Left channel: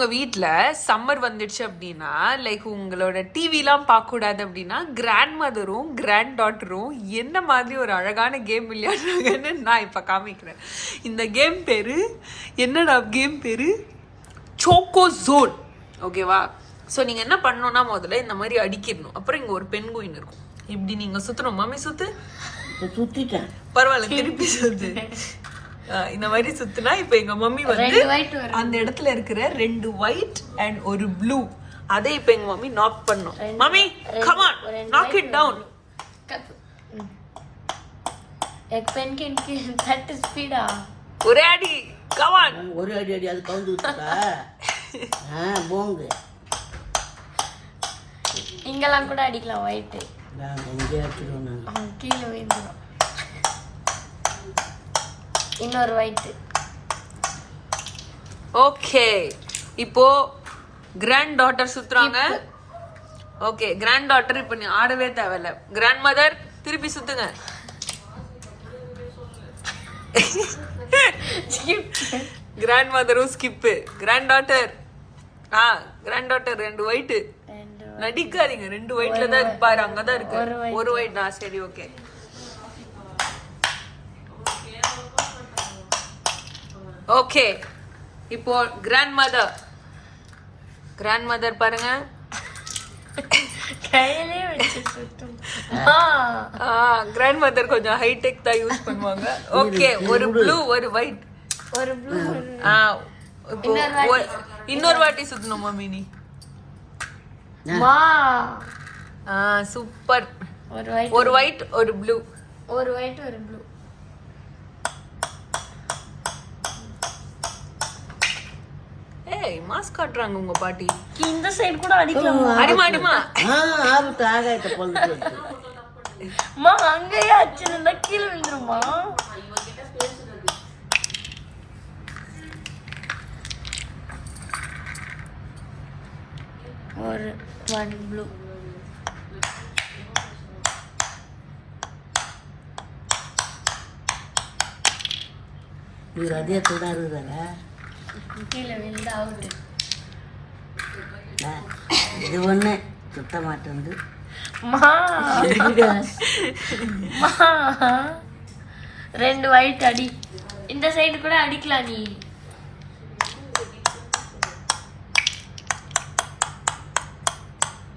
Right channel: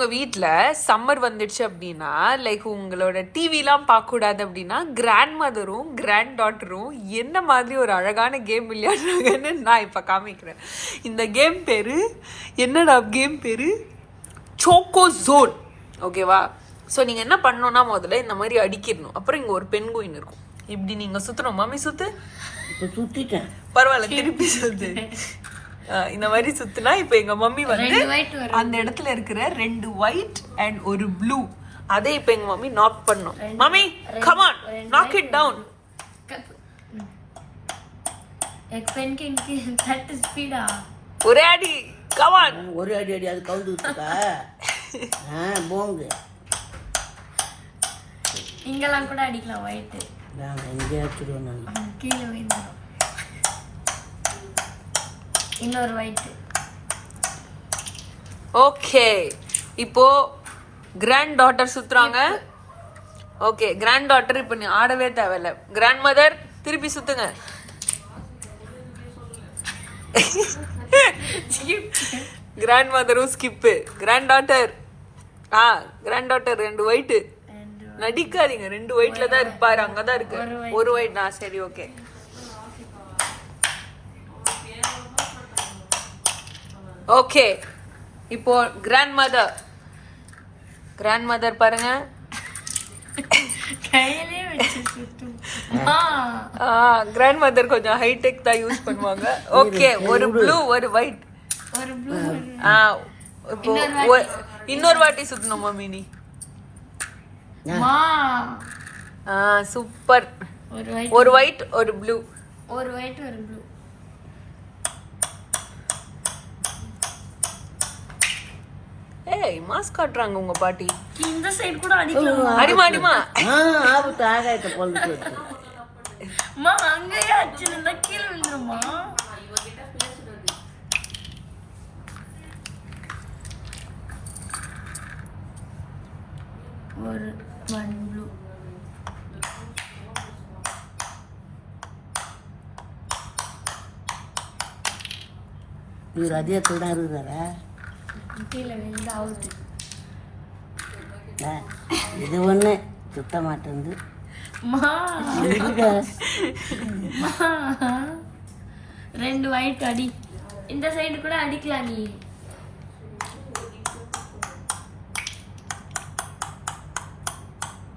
உங்க வீட்ல சம்மர் வந்துடுச்சு அப்படின்னா லைக் உங்களோட டிவிலாம் பார்க்க கூடாது அப்படின்னா கிராண்ட் மதரும் கிராண்ட் டாட்டரும் என்ன மாதிரி ஒரு அழகான கேம் விளையாடுறாங்கன்னு நான் இப்ப காமிக்கிறேன். இந்த கேம் பேரு என்னடா கேம் பேரு சோக்கோ ஜோன். ஓகேவா? ஸோ நீங்க என்ன பண்ணணும்னா முதல்ல இந்த மாதிரி அடிக்கிடணும். அப்புறம் இங்க ஒரு பென்குயின் இருக்கும். இப்படி நீங்க சுத்தணும். மம்மி சுத்து. சுத்திட்டேன். பரவாயில்ல, திருப்பி சுத்து. இந்த மாதிரி சுத்துனா இப்ப எங்க மம்மி வந்து அந்த இடத்துல இருக்கிற 2 ஒயிட் அண்ட் ஒரு ப்ளூ அதை இப்ப எங்க மம்மி நாக் பண்ணும். Mummy come on, knock it down. ஒரே அடி, கம் ஆன். ஒரே அடி அடி அது கவுந்து விட்டுட்டா. போங்க. இங்கெல்லாம் கூட அடிக்கலாம் ஒயிட். இங்கே எடுத்துருவோம் நாங்கள். கீழே விழுந்துடும். இன்னொரு ஒயிட். ஓகே, இப்போ கிராண்ட் டாட்டர் சுத்துறாங்க. ஓகே, கிராண்ட் டாட்டர் இப்ப நீ ஆடவே தேவையில்ல. கிராண்ட் மதர் திருப்பி சுத்துங்க. கிராண்ட் மதரும் skip. Granddaughter granddaughter 2 white. நடிக்காதீங்க, 2 ஒயிட்ல தான் இருக்கு பாரு. அங்கதான் இருக்கு ஒரு ஒயிட். சரி, ஓகே. ஓகே, இப்போ கிராண்ட் மதர் பாருங்க. கிராண்ட் மதர் கொஞ்சம் ஹைடெக் தான் யூஸ் பண்ணுவாங்க. ஓகே, ஒரு ப்ளூ ஒரு ஒயிட். இப்போ இன்னொரு வாட்டி சுத்தணும் மம்மி நீ. சூப்பர். ஒரு ஒயிட் ஒரு ப்ளூ. ஒரு ஒயிட் ஒரு ப்ளூ. ஏய், மாஸ்க் காட்டுறாங்க உங்க பாட்டி. இந்த சைடு கூட அடிக்கலாம். அடிமா அடிமா. ஆவுட்டு ஆகாயத்தை பொங்கிட்டு. அம்மா அங்கேயே அடிச்சிருந்தா கீழே விழுந்துருமா? ஒரு 1 ப்ளூ. இது அதே கூட இருக்குதா? கீழே விழுந்து அவுட். இது ஒன்று சுத்த மாட்டேங்குது. மா 2 ஒயிட் அடி. இந்த சைடு கூட அடிக்கலாம் நீ.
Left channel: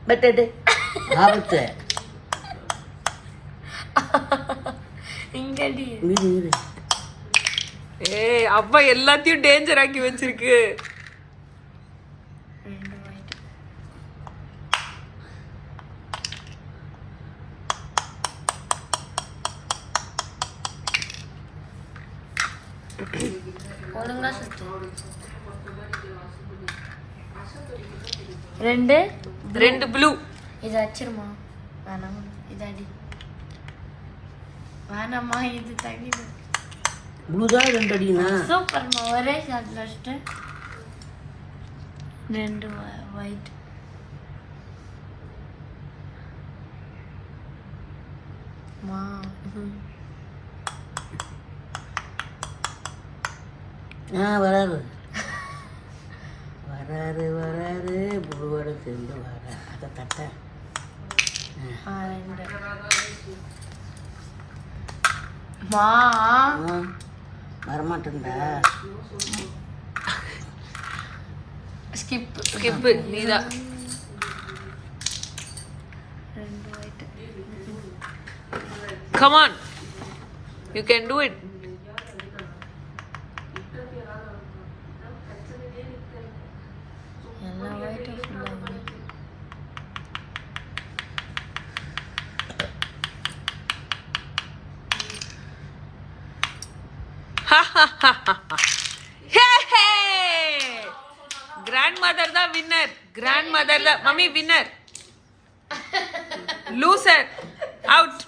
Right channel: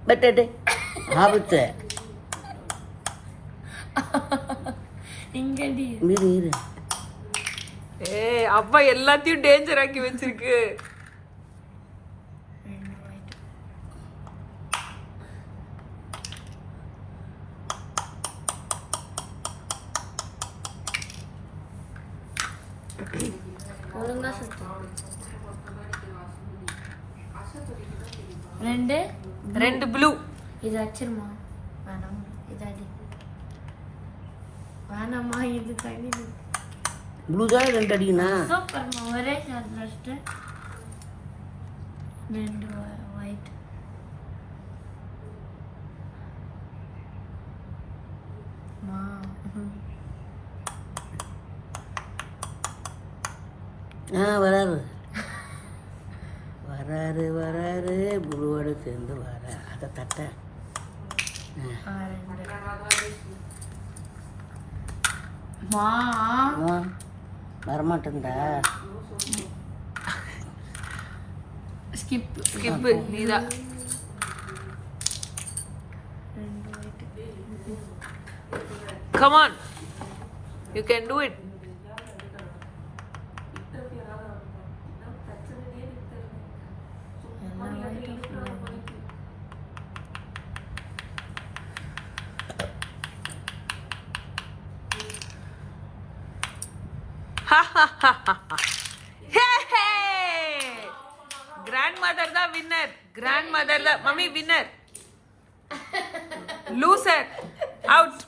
பட் ஆபத்து. இங்க அடி. இரு. ஏய், அப்பா எல்லாத்தையும் டேஞ்சர் ஆக்கி வச்சிருக்கு. ஒழுங்கா சுத்து. 2 ப்ளூ. இது அச்சிருமா? வேணாமா, இது அடி. வேணாமா, இது தகிடு. ப்ளூ தான் 2 அடினா. சூப்பர்மா, ஒரே ஷாட் லாஸ்ட். 2 ஒயிட். மா வராரு ப்ளூவோட சேர்ந்து வர அதை தட்ட. மா வரமாட்டேன்டா. ஸ்கிப் நீதான். 2 white. Come on, you can do it. Grandmother தான் வின்னர். கிராண்ட் மதர் தான் மம்மி வின்னர். Loser out.